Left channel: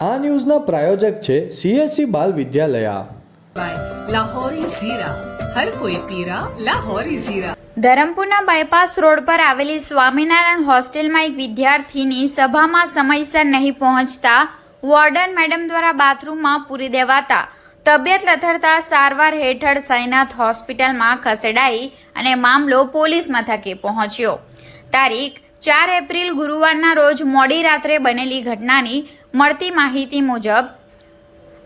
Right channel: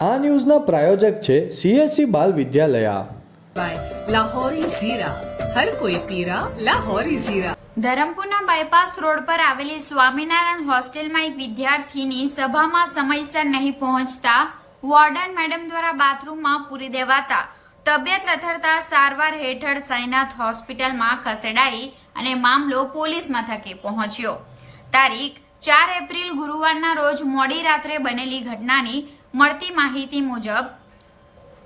આ ન્યૂઝના પ્રાયોજક છે CSC બાલ વિદ્યાલયા। લાહોરી ઝીરા, હર કોઈ પીરા લાહોરી ઝીરા। ધરમપુરના બાયપાસ રોડ પર આવેલી સ્વામિનારાયણ હોસ્ટેલમાં એક વિદ્યાર્થીની સભામાં સમયસર નહીં પહોંચતા વોર્ડન મેડમ દ્વારા બાથરૂમમાં પૂરી દેવાતા તબિયત લથડતા સારવાર હેઠળ સાઈનાથ હોસ્પિટલમાં ખસેડાઈ અને મામલો પોલીસ મથકે પહોંચ્યો। તારીખ 4 એપ્રિલ ગુરુવારના રોજ મોડી રાત્રે બનેલી ઘટનાની મળતી માહિતી મુજબ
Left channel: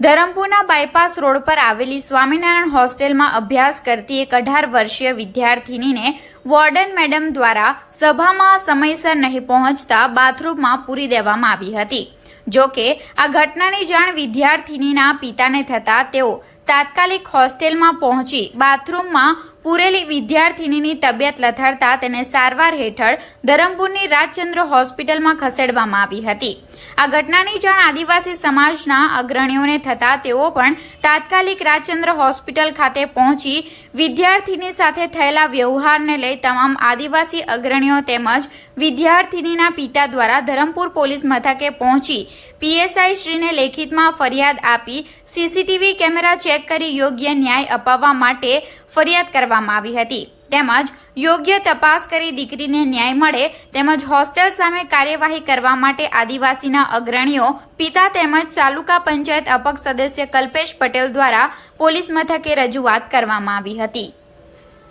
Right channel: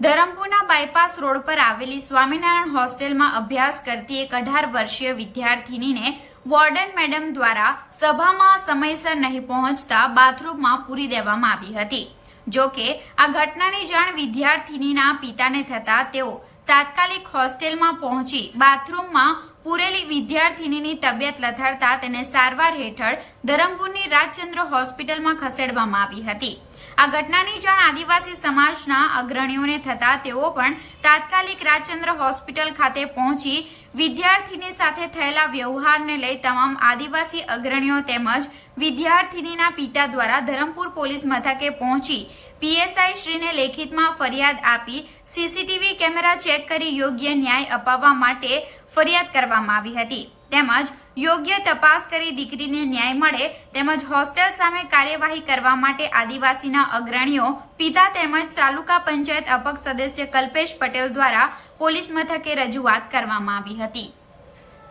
ધરમપુરના બાયપાસ રોડ પર આવેલી સ્વામિનારાયણ હોસ્ટેલમાં અભ્યાસ કરતી એક 18 વર્ષીય વિદ્યાર્થીનીને વોર્ડન મેડમ દ્વારા સભામાં સમયસર નહીં પહોંચતા બાથરૂમમાં પૂરી દેવામાં આવી હતી। જો કે આ ઘટનાની જાણ વિદ્યાર્થીનીના પિતાને થતા તેઓ તાત્કાલિક હોસ્ટેલમાં પહોંચી બાથરૂમમાં પૂરેલી વિદ્યાર્થીનીની તબિયત લથડતા તેને સારવાર હેઠળ ધરમપુરની રાજચંદ્ર હોસ્પિટલમાં ખસેડવામાં આવી હતી। આ ઘટનાની જાણ આદિવાસી સમાજના અગ્રણીઓને થતા તેઓ પણ તાત્કાલિક રાજચંદ્ર હોસ્પિટલ ખાતે પહોંચી વિદ્યાર્થીની સાથે થયેલા વ્યવહારને લઈ તમામ આદિવાસી અગ્રણીઓ તેમજ વિદ્યાર્થીનીના પિતા દ્વારા ધરમપુર પોલીસ મથકે પહોંચી PSI શ્રીને લેખિતમાં ફરિયાદ આપી CCTV કેમેરા ચેક કરી યોગ્ય ન્યાય અપાવવા માટે ફરિયાદ કરવામાં આવી હતી તેમજ યોગ્ય તપાસ કરી દીકરીને ન્યાય મળે તેમજ હોસ્ટેલ સામે કાર્યવાહી કરવા માટે આદિવાસીના અગ્રણીઓ પિતા તેમજ તાલુકા પંચાયત અપક્ષ સદસ્ય કલ્પેશ પટેલ દ્વારા પોલીસ મથકે રજૂઆત કરવામાં આવી હતી।